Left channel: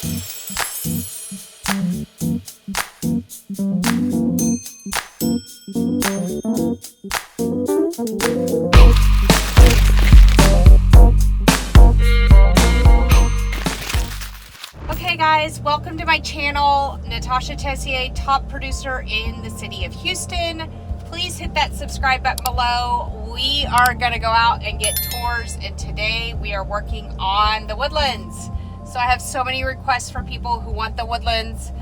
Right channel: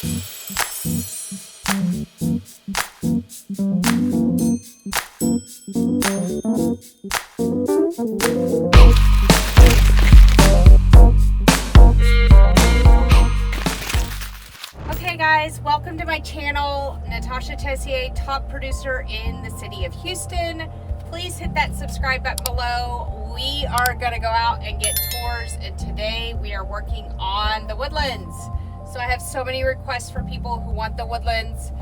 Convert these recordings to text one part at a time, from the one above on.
Okay guys, welcome to my channel, Natasha Tessier, top producer in the city of Houston. Please hit that subscribe button below. We are gonna go out and get tours, and today we are working on the Woodlands. So I have so many requests from people who want the Woodlands.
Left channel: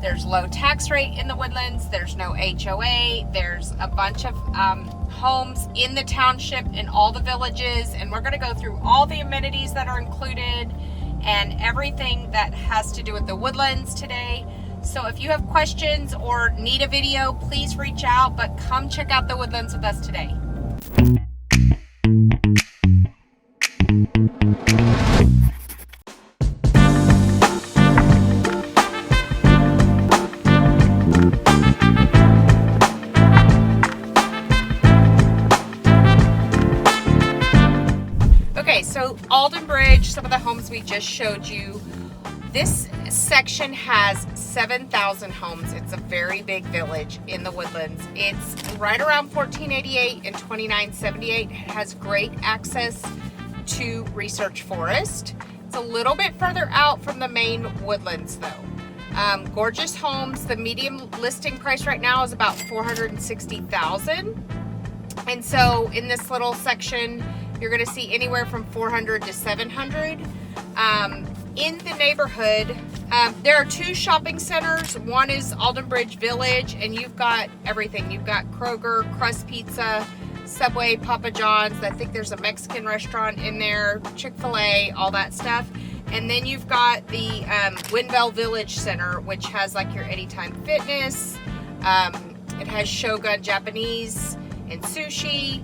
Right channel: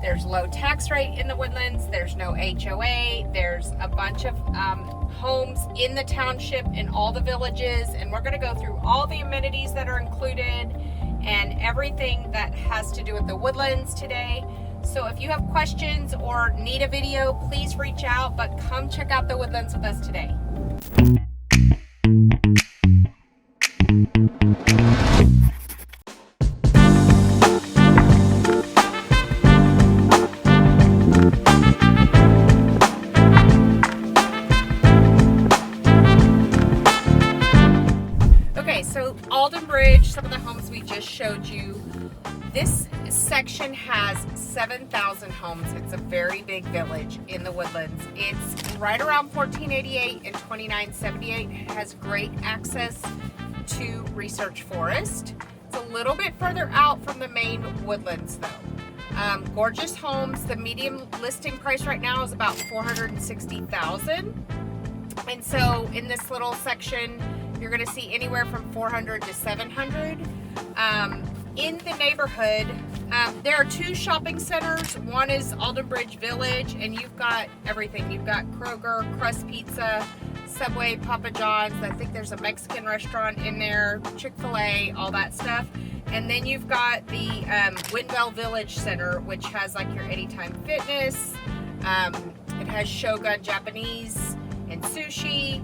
There's low tax rate in the Woodlands, there's no HOA, there's a bunch of homes in the township in all the villages, and we're gonna go through all the amenities that are included and everything that has to do with the Woodlands today. So if you have questions or need a video, please reach out, but come check out the Woodlands with us today. Okay, so Alden Bridge, some of the homes we just showed you. This section has 7,000 homes. It's a very big village in the Woodlands. It's right around 1488 and 2978. It has great access to Research Forest. It's a little bit further out from the main Woodlands though. Gorgeous homes. The median listing price right now is about $460,000. And so in this little section, you're going to see anywhere from 400 to 700. In the neighborhood, there are two shopping centers. One is Alden Bridge Village, and you've got everything. You've got Kroger, Crust Pizza, Subway, Papa John's. I think there's a Mexican restaurant in there, Chick-fil-A, all that stuff. And then you've got the Windell Village Center, which has like your Anytime Fitness. It has Shogun Japanese and sushi.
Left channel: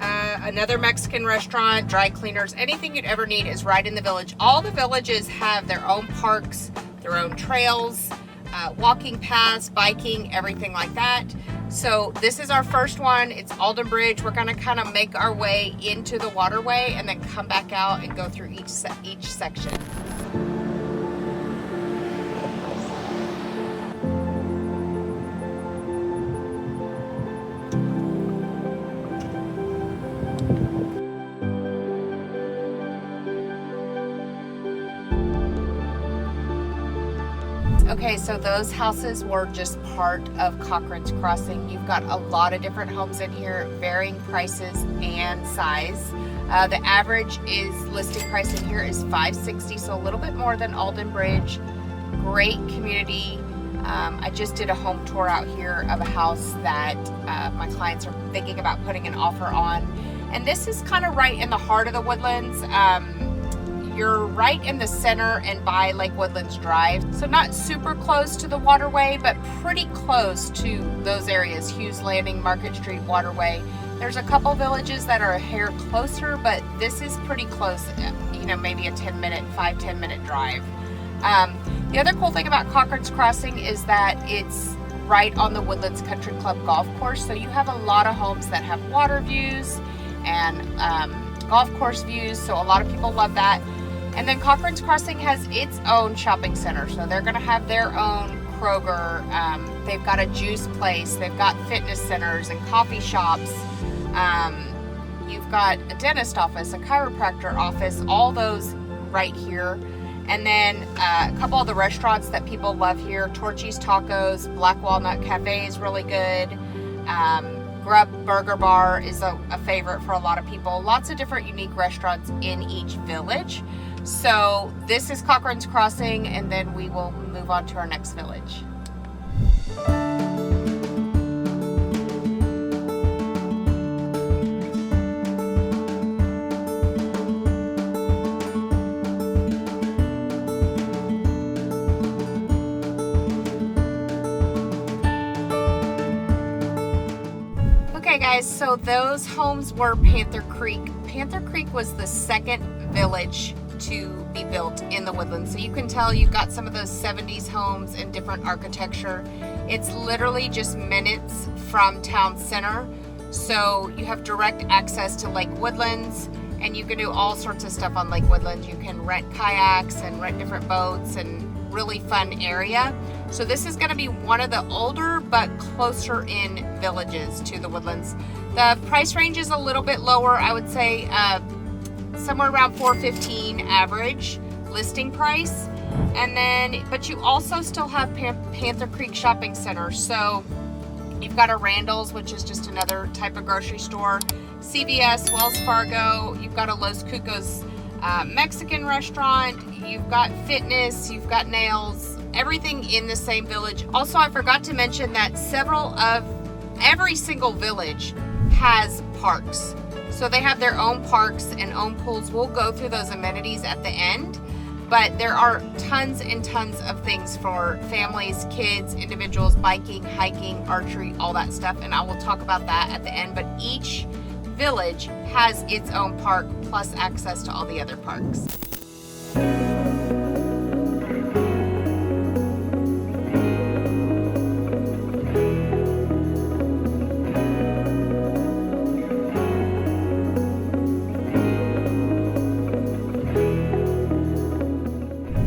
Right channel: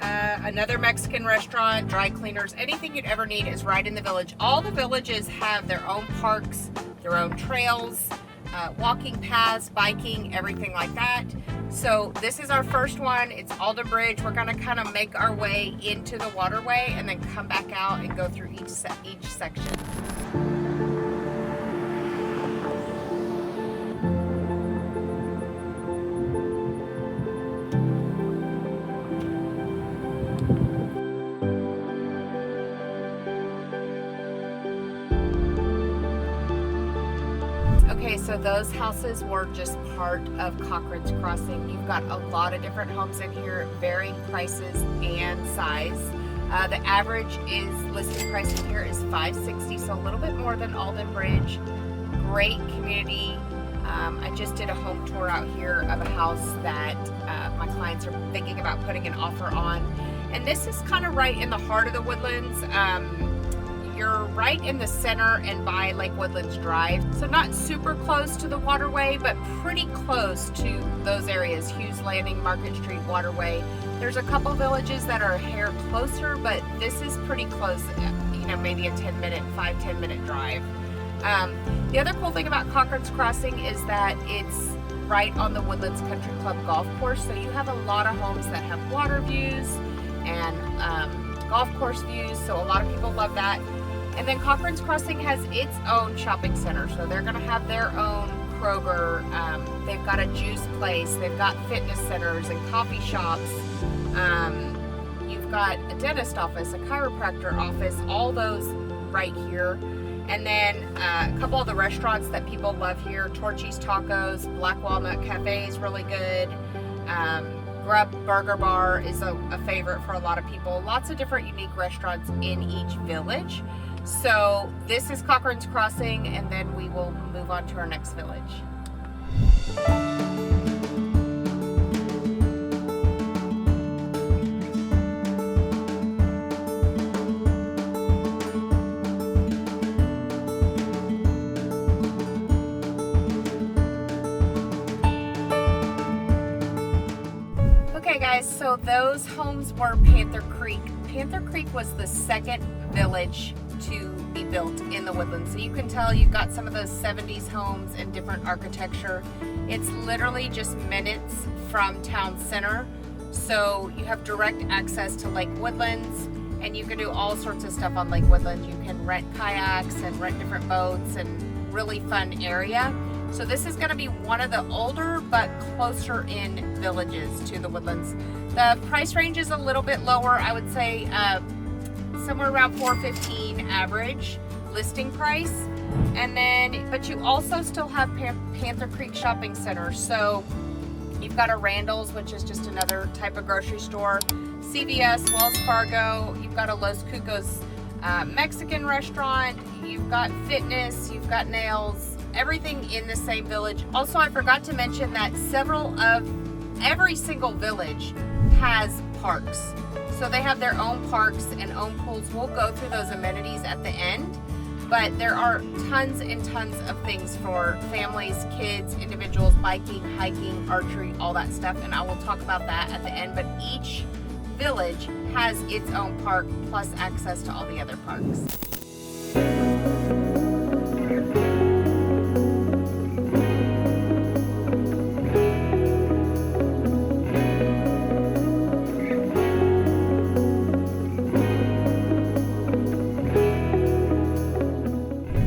Another Mexican restaurant, dry cleaners, anything you'd ever need is right in the village. All the villages have their own parks, their own trails, walking paths, biking, everything like that. So this is our first one. It's Alden Bridge. We're gonna kind of make our way into the waterway and then come back out and go through each section. Okay, so those houses were just part of Cochcrane's Crossing. You've got a lot of different homes in here, varying prices and size. The average listing price in here is $560, so a little bit more than Alden Bridge. Great community. I just did a home tour out here of a house that my clients are thinking about putting an offer on. And this is kind of right in the heart of the Woodlands. You're right in the center and by Lake Woodlands Drive. So not super close to the waterway, but pretty close to those areas. Hughes Landing, Market Street, Waterway. There's a couple villages that are a hair closer, but this is pretty close, you know, maybe a 10 minute drive. The other cool thing about Cochcrane's Crossing is that it's right on the Woodlands Country Club golf course. So you have a lot of homes that have water views and golf course views. So a lot of people love that. And then Cochcrane's Crossing has its own shopping center. So they're gonna have their own Kroger. They've got a juice place. They've got fitness centers and coffee shops. You've got a dentist office, a chiropractor office, all those right here. And then a couple of the restaurants that people love here, Torchy's Tacos, Black Walnut Cafe is really good. Grub Burger Bar is a favorite for a lot of people. Lots of different unique restaurants in each village. So this is Cochcrane's Crossing, and then we will move on to our next village. Okay guys, so those homes were Panther Creek. Panther Creek was the second village to be built in the Woodlands. So you can tell you've got some of those 70s homes and different architecture. It's literally just minutes from town center. So you have direct access to Lake Woodlands, and you can do all sorts of stuff on Lake Woodlands. You can rent kayaks and rent different boats, and really fun area. So this is going to be one of the older but closer in villages to the Woodlands. The price range is a little bit lower, I would say somewhere around $415 average listing price. And then, but you also still have Panther Creek Shopping Center. So you've got a Randall's, which is just another type of grocery store, CVS, Wells Fargo, you've got a Los Cucos Mexican restaurant, you've got fitness, you've got nails, everything in the same village. Also, I forgot to mention that every single village has parks. So they have their own parks and own pools. We'll go through those amenities at the end, but there are tons and tons of things for families, kids, individuals, biking, hiking, archery, all that stuff, and I will talk about that at the end. But each village has its own park plus access to all the other parks.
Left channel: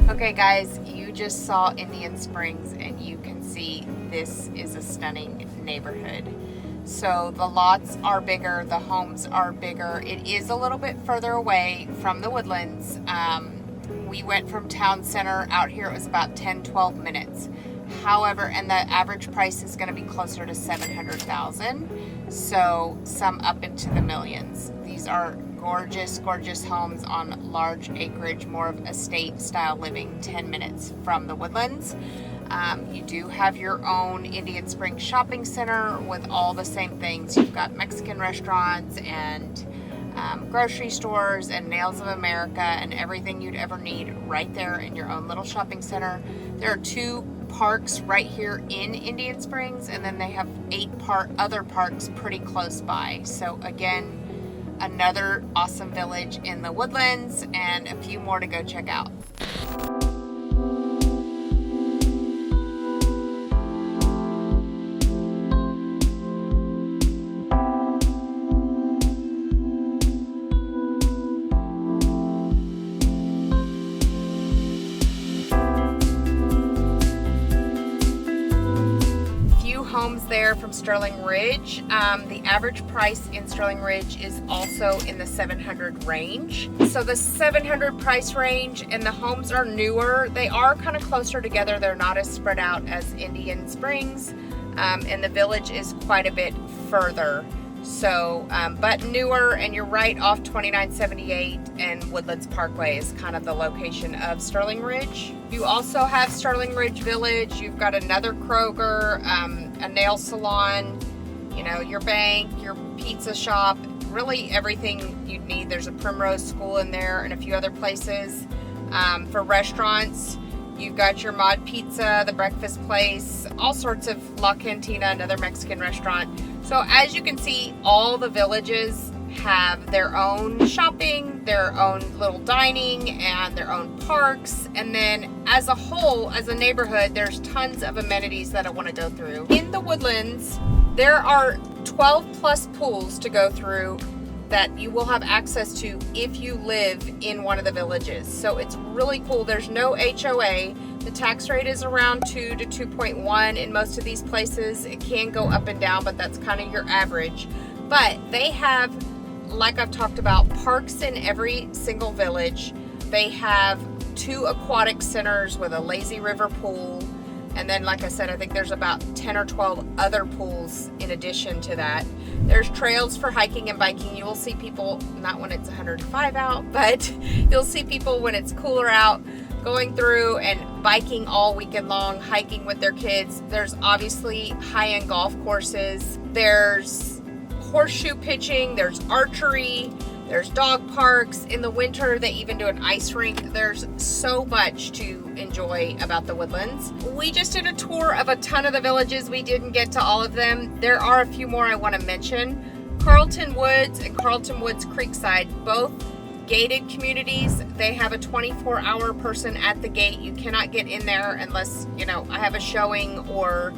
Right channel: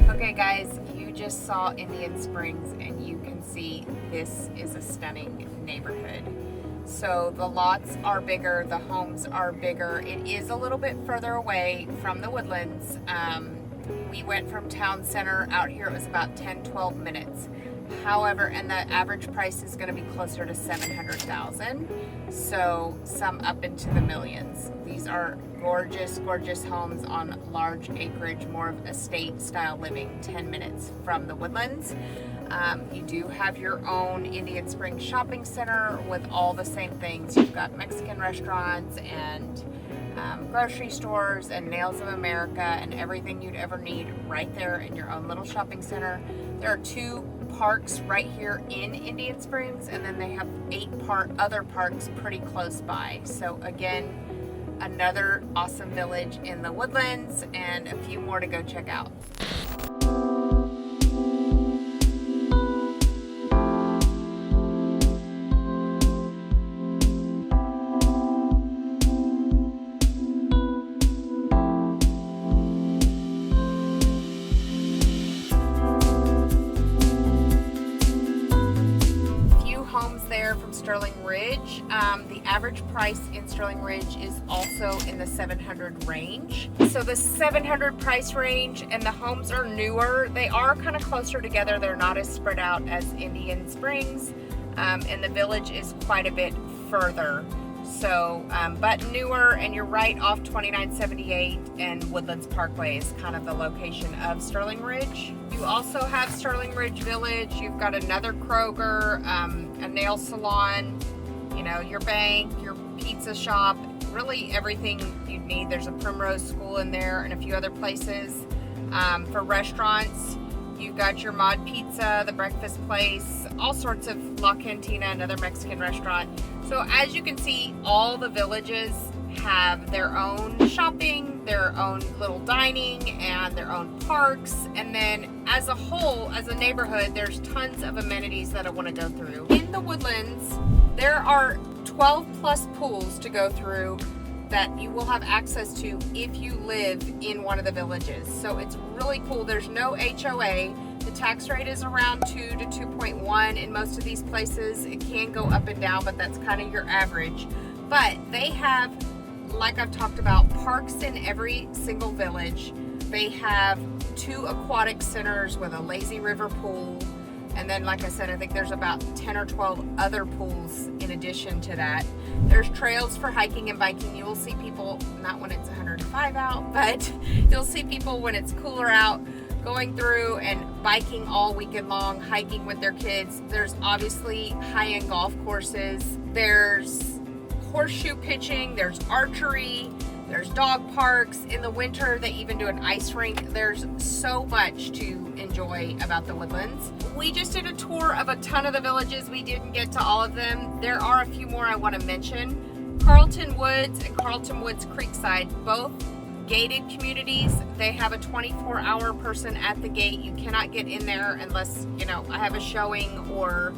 Okay guys, you just saw Indian Springs and you can see this is a stunning neighborhood. So the lots are bigger, the homes are bigger. It is a little bit further away from the Woodlands. We went from town center out here, it was about 10-12 minutes. However, and the average price is going to be closer to $700,000, so some up into the millions. These are gorgeous, gorgeous homes on large acreage, more of estate style living, 10 minutes from the Woodlands. You do have your own Indian Springs shopping center with all the same things. You've got Mexican restaurants and grocery stores and Nails of America and everything you'd ever need right there in your own little shopping center. There are 2 parks right here in Indian Springs, and then they have 8 other parks pretty close by. So again, another awesome village in the Woodlands and a few more to go check out. Homes there from Sterling Ridge. The average price in Sterling Ridge is also in the 700 range. So the 700 price range, and the homes are newer. They are kind of closer together. They're not as spread out as Indian Springs, and the village is quite a bit further. So, but newer, and you're right off 2978 and Woodlands Parkway is kind of the location of Sterling Ridge. You also have Sterling Ridge Village. You've got another Kroger, a nail salon, you know, your bank, your pizza shop, really everything you'd need. There's a Primrose School in there and a few other places. For restaurants, you've got your Mod Pizza, the breakfast place, all sorts of La Cantina, another Mexican restaurant. So as you can see, all the villages have their own shopping, their own little dining, and their own parks. And then as a whole, as a neighborhood, there's tons of amenities that I want to go through. In the Woodlands, there are 12 plus pools to go through that you will have access to if you live in one of the villages. So it's really cool. There's no HOA. The tax rate is around 2 to 2.1 in most of these places. It can go up and down, but that's kind of your average. But they have, like I've talked about, parks in every single village. They have 2 aquatic centers with a lazy river pool. And then, like I said, I think there's about 10 or 12 other pools in addition to that. There's trails for hiking and biking. You will see people, not when it's 105 out, but you'll see people when it's cooler out going through and biking all weekend long, hiking with their kids. There's obviously high-end golf courses. There's horseshoe pitching. There's archery. There's dog parks. In the winter, they even do an ice rink. There's so much to enjoy about the Woodlands. We just did a tour of a ton of the villages. We didn't get to all of them. There are a few more I want to mention. Carlton Woods and Carlton Woods Creekside, both gated communities. They have a 24-hour person at the gate. You cannot get in there unless, you know, I have a showing or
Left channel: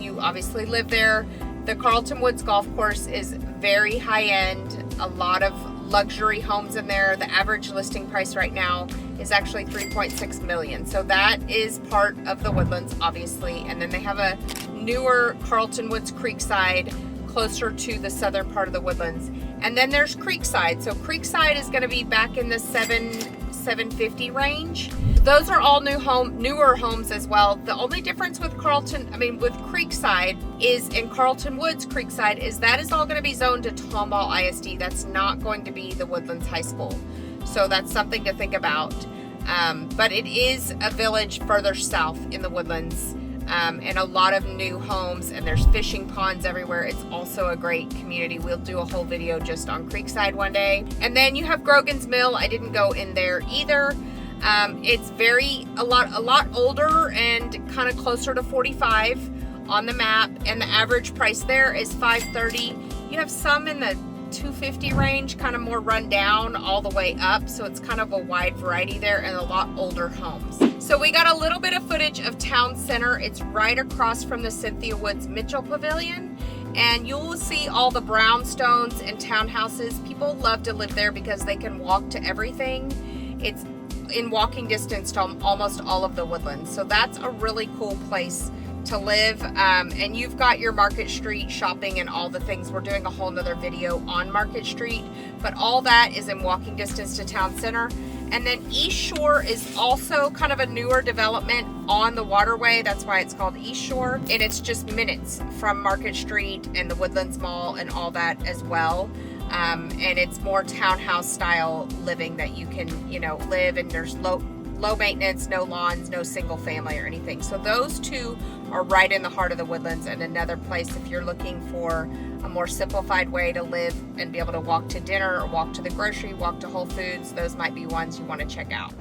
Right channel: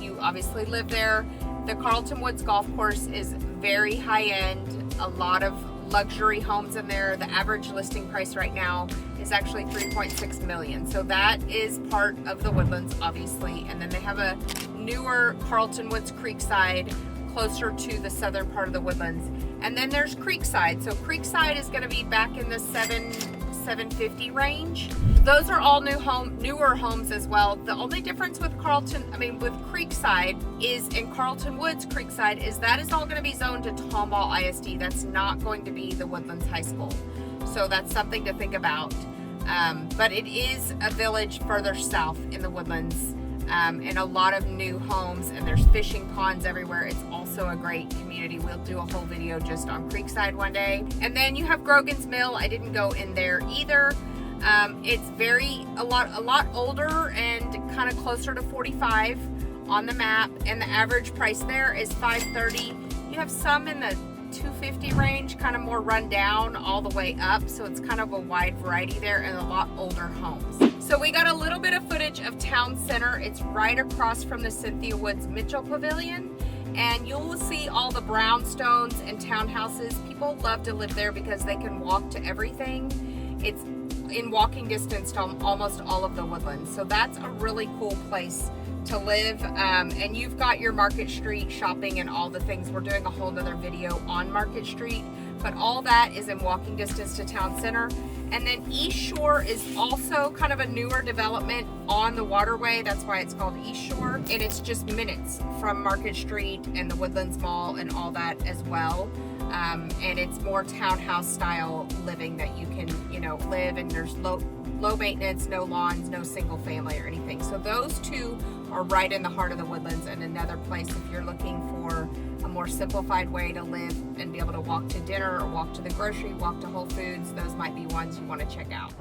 you obviously live there. The Carlton Woods Golf Course is very high-end, a lot of luxury homes in there. The average listing price right now is actually $3.6 million. So that is part of the Woodlands, obviously. And then they have a newer Carlton Woods Creekside, closer to the southern part of the Woodlands. And then there's Creekside. So Creekside is going to be back in the 750 range. Those are all newer homes as well. The only difference with Creekside is in Carlton Woods Creekside is that is all going to be zoned to Tomball ISD. That's not going to be the Woodlands High School. So that's something to think about. But it is a village further south in the Woodlands. And a lot of new homes, and there's fishing ponds everywhere. It's also a great community. We'll do a whole video just on Creekside one day. And then you have Grogan's Mill. I didn't go in there either. It's a lot older and kind of closer to 45 on the map, and the average price there is $530. You have some in the 250 range, kind of more run down all the way up, so it's kind of a wide variety there, and a lot older homes. So we got a little bit of footage of Town Center. It's right across from the Cynthia Woods Mitchell Pavilion, and you'll see all the brownstones and townhouses. People love to live there because they can walk to everything. It's in walking distance to almost all of the Woodlands. So that's a really cool place to live. And you've got your Market Street shopping and all the things. We're doing a whole nother video on Market Street, but all that is in walking distance to Town Center. And then East Shore is also kind of a newer development on the waterway. That's why it's called East Shore. And it's just minutes from Market Street and the Woodlands Mall and all that as well. And it's more townhouse style living that you can, live, and there's low maintenance, no lawns, no single family or anything. So those two are right in the heart of the Woodlands, and another place if you're looking for a more simplified way to live and be able to walk to dinner or walk to the grocery, walk to Whole Foods, those might be ones you want to check out.